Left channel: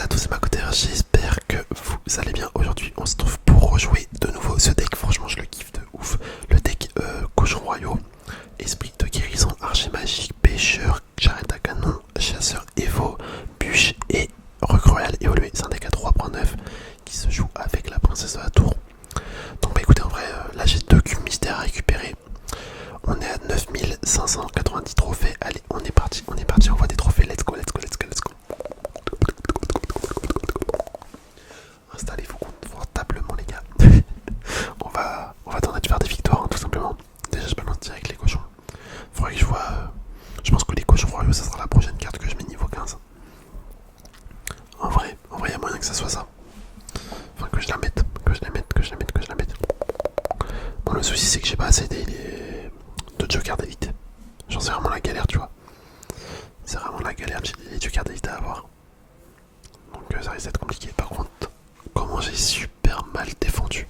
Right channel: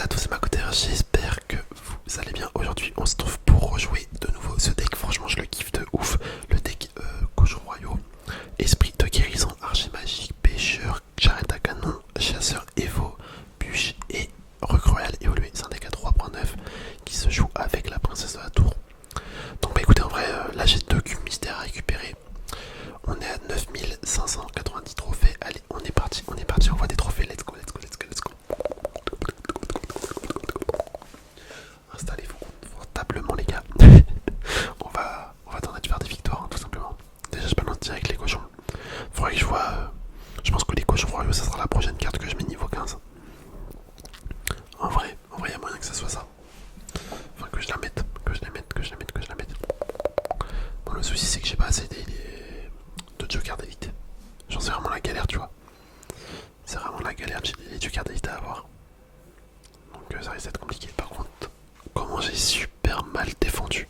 à tous, c'est Macoter, j'espère que vous allez bien. Aujourd'hui on se trouve pour rejouer de nouveau ce deck, franchement je le kiffe de ouf. Le deck cochon royaux, esprit de guérison, archer magique, pêcheur, charrette à canon, chasseur évo, bûche et recrue royale évolué. C'est un deck à 3.9 qui se joue avec la princesse de la tour. Donc bah écoutez, en vrai là j'ai 2 cubes mystères à récupérer. On est à 9590 trophées. Allez, on est parti, on voit des trophées. Let's go, let's go, let's go, let's go. Installez-vous confortablement les gars. on va tenter de faire des victoires, hein, tout simplement. Déjà je balance direct les cochons. Faudrait que je vois. Je pense que les cochons royaux ça sera la prochaine carte que je mets niveau 15. En vrai, y a moyen que ça soit ça. Enfin que je la mette, que je la mette. Bon le souci c'est que j'ai pas assez de jokers d'élite. J'en sais vraiment la galère tu vois. C'est vraiment la galère, j'ai les jokers d'élite à avoir. Donc ça risque d'être compliqué. Par contre, comment j'ai super mal défendu.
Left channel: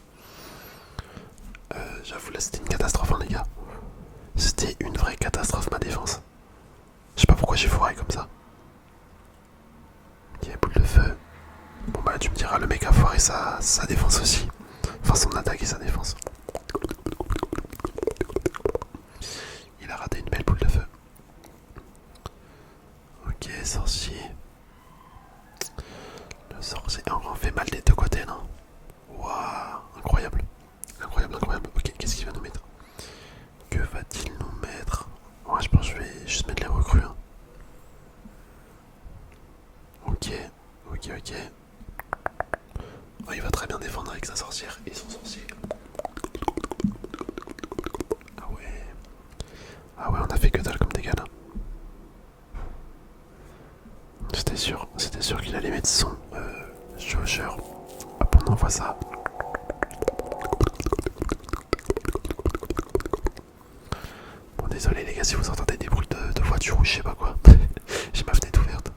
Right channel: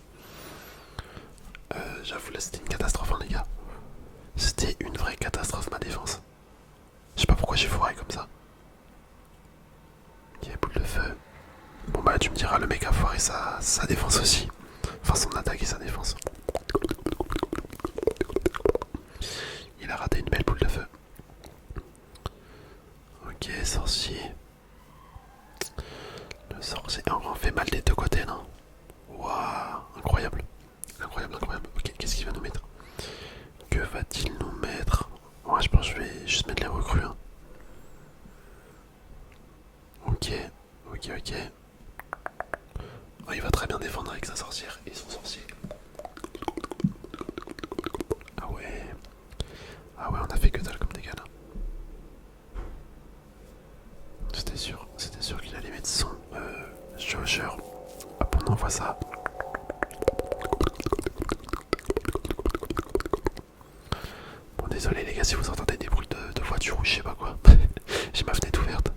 J'avoue là c'était une catastrophe hein, les gars. C'était une vraie catastrophe ma défense. Je sais pas pourquoi j'ai foiré comme ça. Ok, boule de feu. Bon bah tu me diras le mec a foiré sa défense aussi. Enfin son attaque et sa défense. Il a raté une belle boule de feu. Ok, sorcier. Le sorcier en fait mal des deux côtés non. Waouh, incroyable. Incroyable. Ok, qu'est-ce qu'il va nous mettre? Que va-t-il nous mettre? Ouais, je pense que je vais juste mettre les recrues. Hein. Ok. Oh, il va très bien défendre avec sa sorcière et son sorcier. Ah ouais. Ah ouais, on a fait que dalle comme dégâts là. C'était sûr qu'il allait mettre son Joker. Hop, on envoie ça. Bon, désolé les gars si vous entendez des bruits de voiture ou je sais pas quoi. J'ai ma fenêtre ouverte.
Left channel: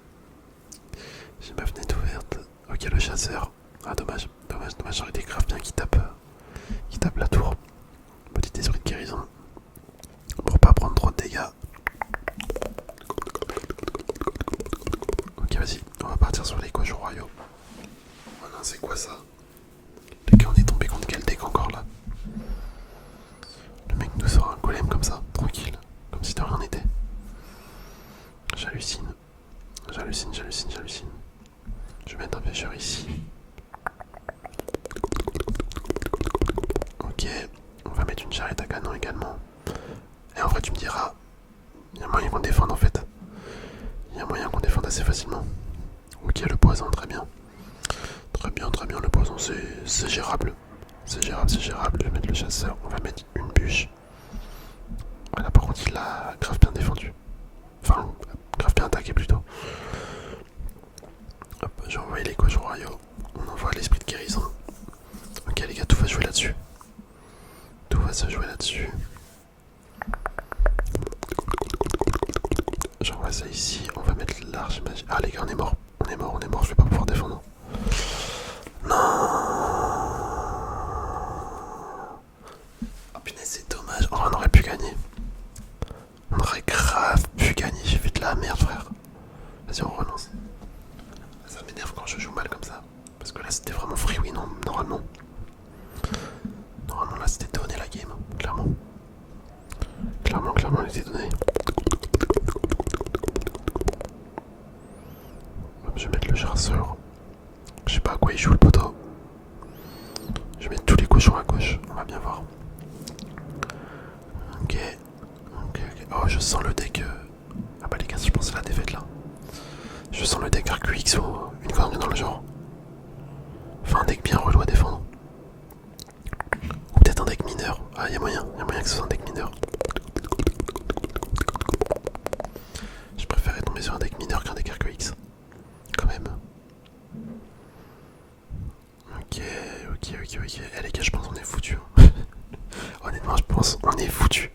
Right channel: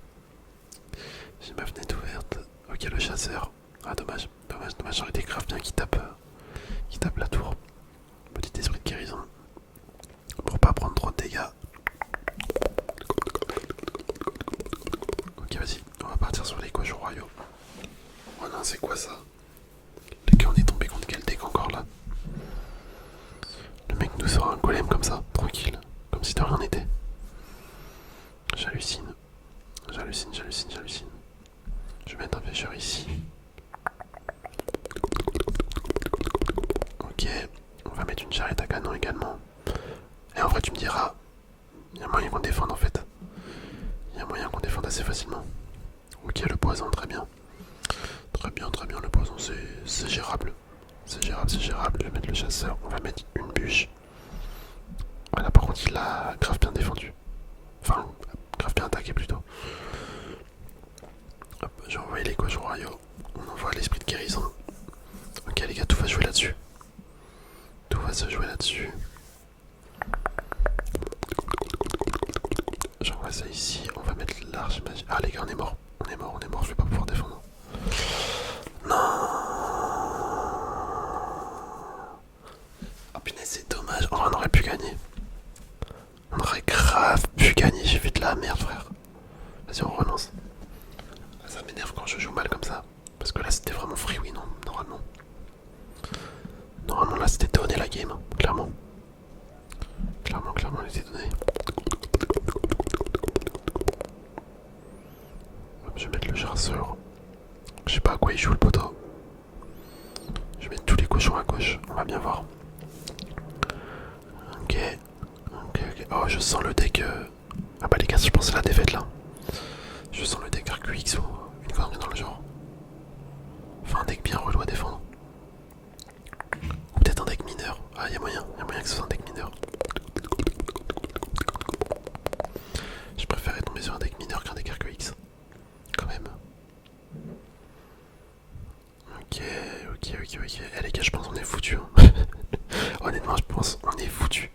Ok, le chasseur. Ah, dommage, j'aurais été grave bien qui tape la tour. Petit esprit de guérison. Pour pas prendre trop de dégâts. Ok, vas-y, on va partir sur les cochons royaux. Oh non, c'est quoi ça? Les gars, on est tombé contre quel deck encore là? Le mec nous sort un golem comme ça, tranquille, comme si de rien n'était. J'hallucine. Je vais mettre un pêcheur ici. Ok, on va mettre une charrette à canon également. Et en vrai, tu me diras, il y a moyen qu'on défende en fait. Il y a moyen qu'on défende assez facilement. Ok, le poison, très bien. Le poison, c'est gérable. C'est gérable. Je vais mettre le chasseur, on va mettre une bûche. Voilà, par contre, il a grave bien défendu. Enfin, grave bien attaqué plutôt. Hop, j'ai envoyé les cochons royaux. On envoie l'esprit de guérison. Ok les gars, tout va jouer là-dessus. J'envoie ça ici, on va mettre l'arche magique. Ah les gars, on est mort, je vais pas pouvoir défendre. Non. Oh punaise, c'est dommage, oh, on aurait pu gagner. On aurait grave pu gagner, j'ai fait de la merde frère. Vas-y, on relance. Ça m'énerve quand je joue mal comme ça. Parce que là c'était vraiment free win non, normalement. Normalement là c'était donné la game, clairement. Clairement elle était donnée. Je vais mettre le chasseur. Je sais pas à quoi il joue le poteau. Je vais mettre tous les cochons à gauche, on va bien voir. Ok. Oh, je sens le deck. Ah bah les gars, je pense c'est la défaite là. Je sens le deck RQX ou une connerie dans le genre. Enfin, un deck bien relou à défendre. Ou peut-être un deck mineur. Ah, y'a moyen que ce soit un deck mineur. Je préférais tomber sur un deck mineur qu'un deck RQX. Quand même. Ok. Eh les gars, je pense qu'on est foutu. Hein. Honnêtement, je pense qu'on est foutu.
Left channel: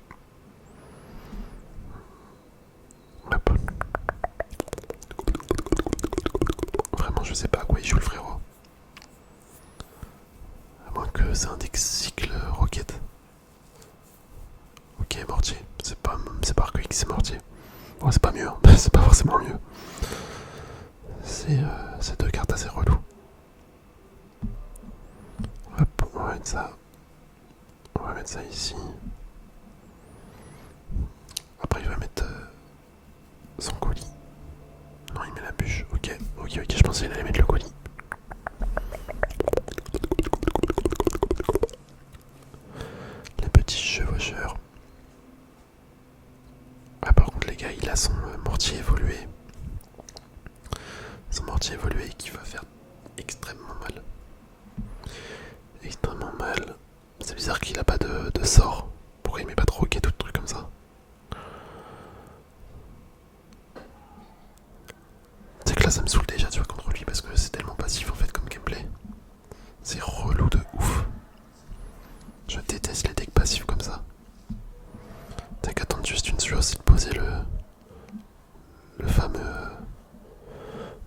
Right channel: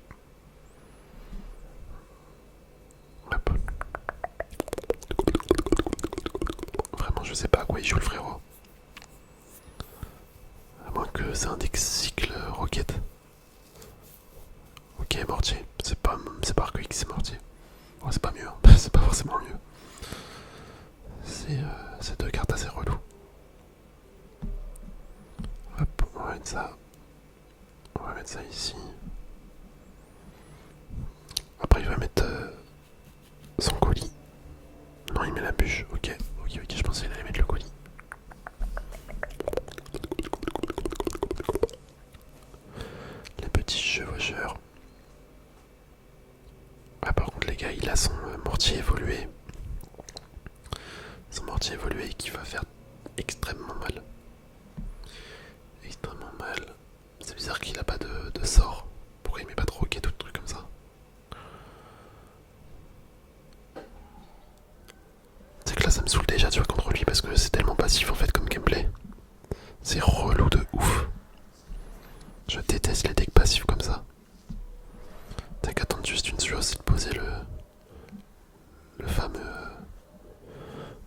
Hop. Vraiment, je sais pas à quoi il joue le frérot. À moins que c'est un deck cycle rocket. Ok, mortier. C'est pas RQX, c'est mortier. Bon, c'est pas mieux. Hein. C'est pas forcément mieux. C'est deux cartes assez relou. Hop, on va mettre ça. On va mettre ça ici. Après il va mettre son colis. Non, il met la bûche. Ok, je pensais qu'il allait mettre le colis. Les petits chevaucheurs. Ah, par contre les gars, il a son mortier évolué. Son mortier évolué qui va faire extrêmement mal. Extrêmement mal. C'est bizarre qu'il a pas de sort. Pourquoi il met pas de roquette ou de trucs comme ça? C'est que là ça me saoule déjà, tu vois, contre lui parce que c'est tellement passif en fait comme gameplay. C'est relou de ouf. Je déteste les decks passifs comme ça. T'as qu'à attendre juste une chose, c'est de poser le fameux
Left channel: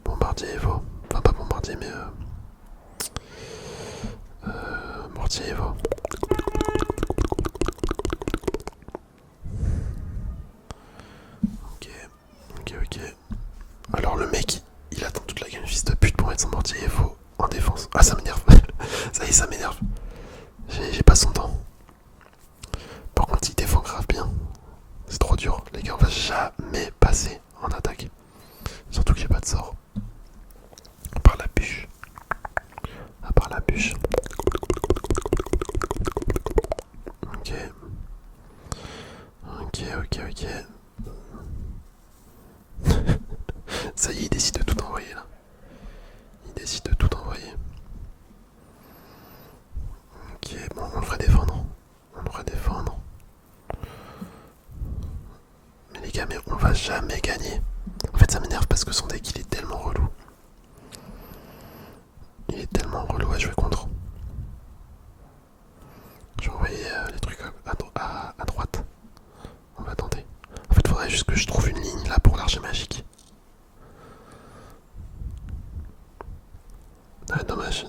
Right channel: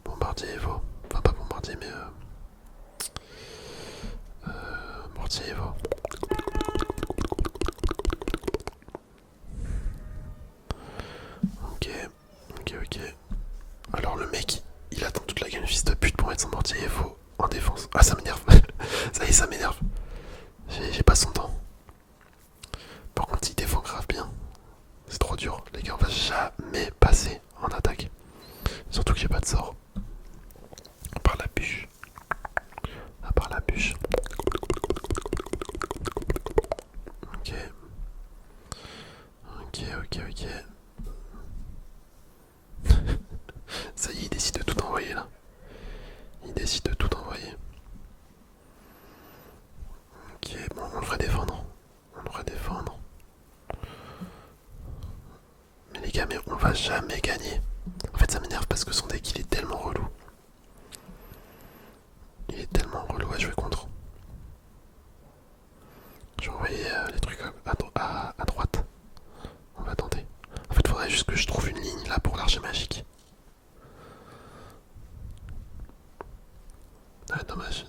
bombardier Evo. Enfin pas bombardier mais mortier Evo. Ok. Alors le mec, il attend toute la game fils de pute pour mettre son mortier Evo en défense. Ah ça m'énerve. Ça y est, ça m'énerve. J'ai pas son temps. Par contre il défend grave bien. C'est trop dur. Les gars, on va jamais passer en attaque. Surtout que j'ai pas de sort. À part la bûche. Ok. Ça y est, il décide de tout envoyer là. Ok, bon, on devrait défendre. Mais les gars, mais on va jamais gagner. En fait, ça m'énerve parce que son deck, il est tellement relou. À jouer contre. Je vais envoyer les trucs à droite. On va tenter. En fait, faudrait juste que je trouve une ligne là pour l'archer magique. Ah, dommage,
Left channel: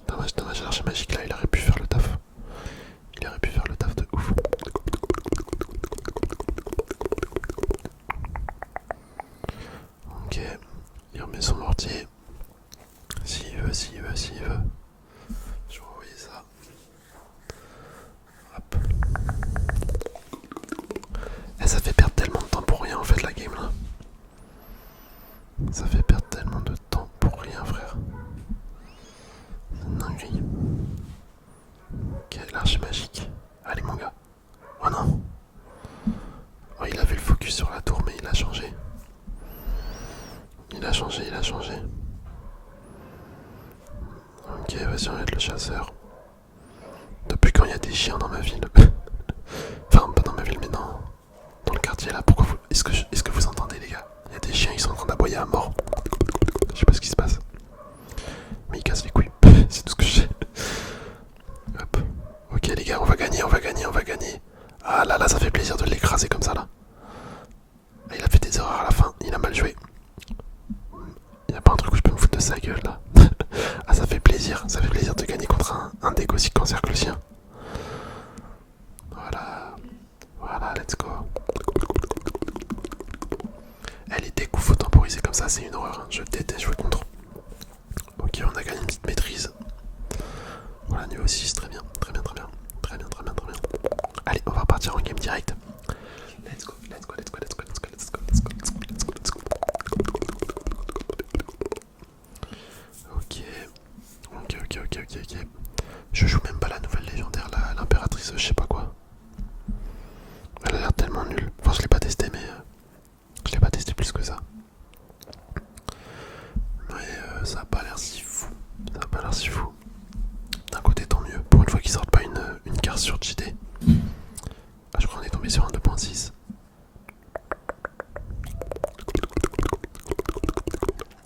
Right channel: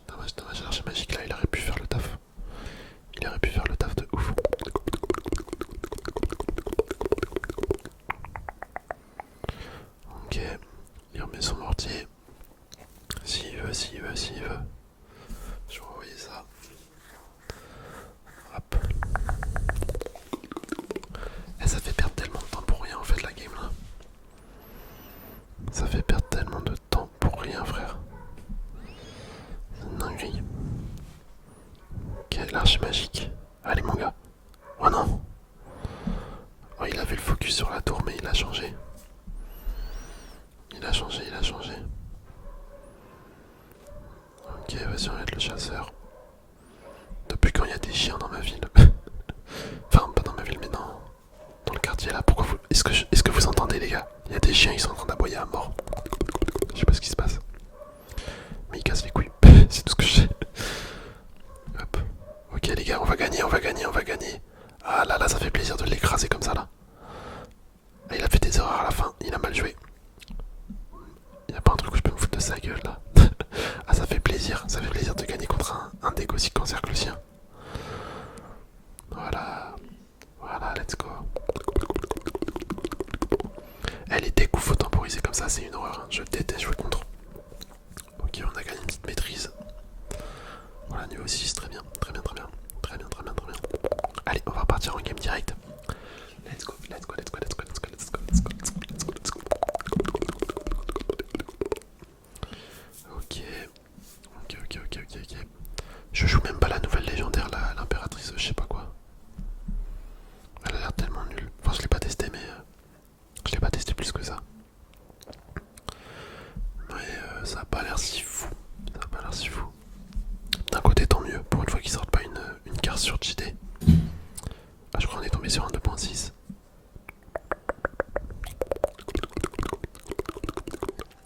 l'archer magique là, il aurait pu faire le taf. De ouf. Ok, il remet son mortier. S'il veut. Je vais envoyer ça. Hop. Et ça fait perdre tellement de temps pour rien en fait la game là. Ça fait perdre tellement de temps pour rien frère. C'est une dinguerie. Ok, l'arche magique. Allez mon gars. Oh non. Oh, il avait le focus sur la tour mais il a changé. Ok, vas-y, on va être le chasseur. Depuis quand il y a des chiens dans ma ville? Enfin, pas dans ma ville, mais dans le quartier là. Pourquoi vous. Est-ce que vous entendez, les gars? Il y a des chiens, ils sont en train d'aboyer à mort. Je sais pas ce qui se passe. Mais ils cassent les couilles. C'est tout ce que je sais. Hop. Ok, les gars, on va gagner. Ah là, ça fait plaisir de l'écraser comme ça là. Ah, il a fait des erreurs à la fin, il a mal joué. Y a pas un truc où je peux me foutre de sa gueule là? Ah, ça fait plaisir de gagner contre un deck aussi cancer que le sien. Voilà, let's go. Les decks où faut temporiser comme ça, c'est une horreur. Hein. Je déteste jouer contre. Ok, on a gagné une petite maîtrise. Voilà, niveau 6, très bien. Allez, on va repartir en game direct. Let's go. Ok. Je joue même pas la nouvelle légendaire, l'impératrice, je sais pas quoi. Elle a l'air tellement nulle. Enfin, je l'ai pas testé, mais je l'ai pas testé plus que ça. Mais ça a pas l'air si fou. D'un côté, tant mieux. Pour une fois qu'ils sortent pas une carte sur JD. Ah, je crois qu'on est tombé sur un 2.6.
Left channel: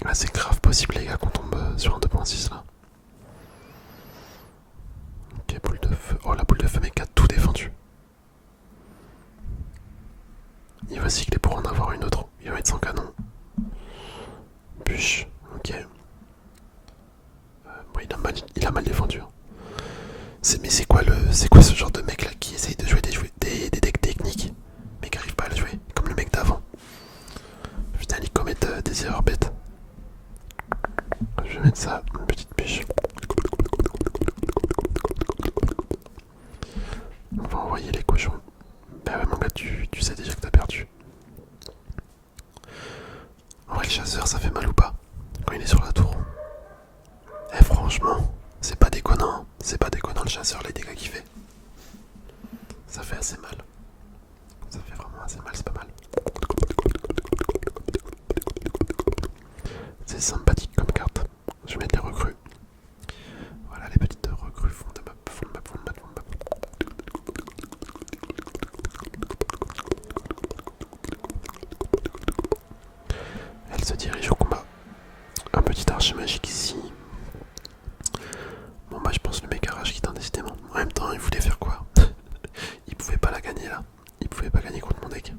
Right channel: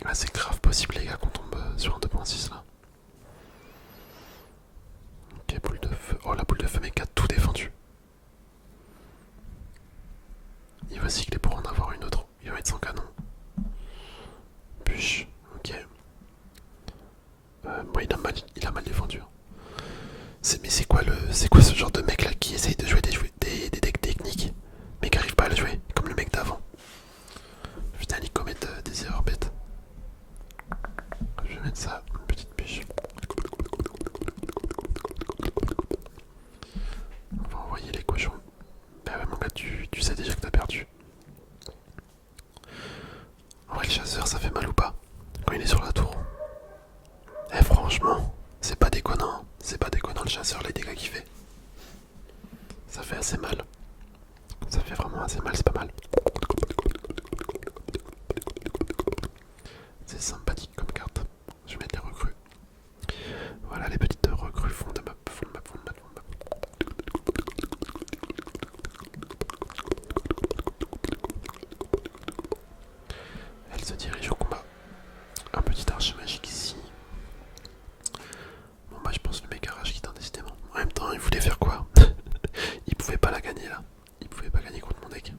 Ah, c'est grave possible, les gars, qu'on tombe sur un 2.6 là. Ok, boule de feu. Oh, la boule de feu, mec, a tout défendu. Il va cycler pour en avoir une autre. Il va mettre son canon. Bûche, ok. Bon, il a mal défendu. Hein. Mais c'est quoi ce genre de mec là qui essaye de jouer des decks techniques mais qui arrive pas à le jouer comme le mec d'avant? Putain, il commet des erreurs bêtes. petite bûche. On va envoyer les cochons. Bah ouais mon gars, tu sais déjà que t'as perdu. En vrai le chasseur ça fait mal ou pas quand il est sur la tour? Eh franchement, c'est pas déconnant. C'est pas déconnant le chasseur les dégâts qu'il fait. Ça fait assez mal. Ça fait vraiment assez mal, c'est pas mal. C'est sympathique comme carte. Je vais mettre les recrues. Voilà les petites recrues fond de map, fond de map, fond de map, fond de map. Elle se dirige au combat. Un petit archer magique ici. Bon bah je pense le méga rage quitte indécidément. En même temps il voulait faire quoi? Il pouvait pas la gagner là. Il pouvait pas gagner contre mon deck.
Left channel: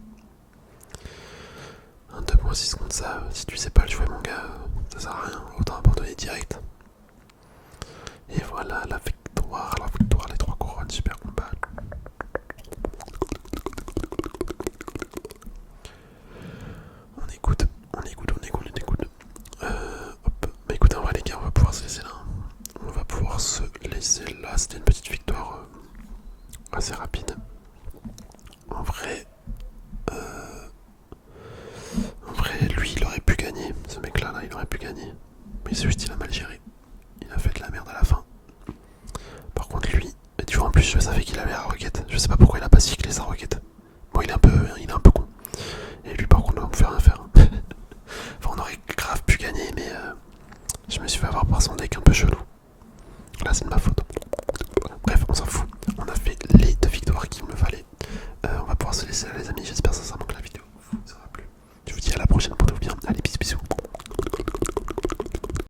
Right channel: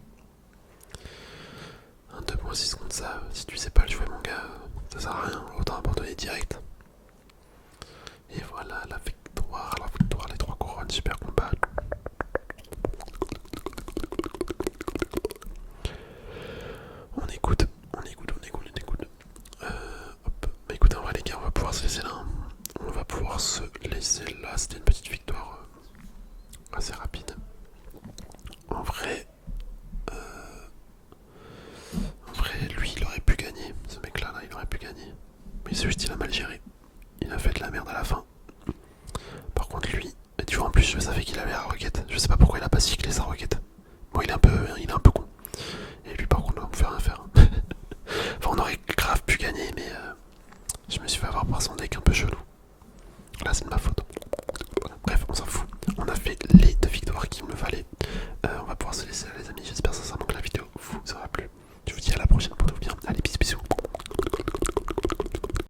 Un 2.6 contre ça, si tu sais pas le jouer mon gars, ça sert à rien, autant abandonner direct. Et voilà la victoire, les 3 couronnes, super combat. On écoute. Hop. Bah écoute, en vrai les gars, on va pouvoir se laisser là. On va pouvoir se laisser là, c'était une petite victoire assez rapide. En vrai, lui, il aurait pu gagner. Ce mec-là, il aurait pu gagner. Mais c'est juste, il a mal géré. Il a fait de la merde à la fin. Par contre, lui, tu vois, en plus, je savais qu'il avait la roquette. Je sais pas pourquoi il a pas cyclé sa roquette. Bon, il est un peu con. Et lui, par contre, on pouvait rien faire. Enfin, on aurait grave pu gagner, mais je me suis fait avoir par son deck un peu chelou. Là, c'est de ma faute. Bref, on s'en fout. On a fait les 2 victoires qu'il me fallait. On va pouvoir se laisser là, les amis. J'espère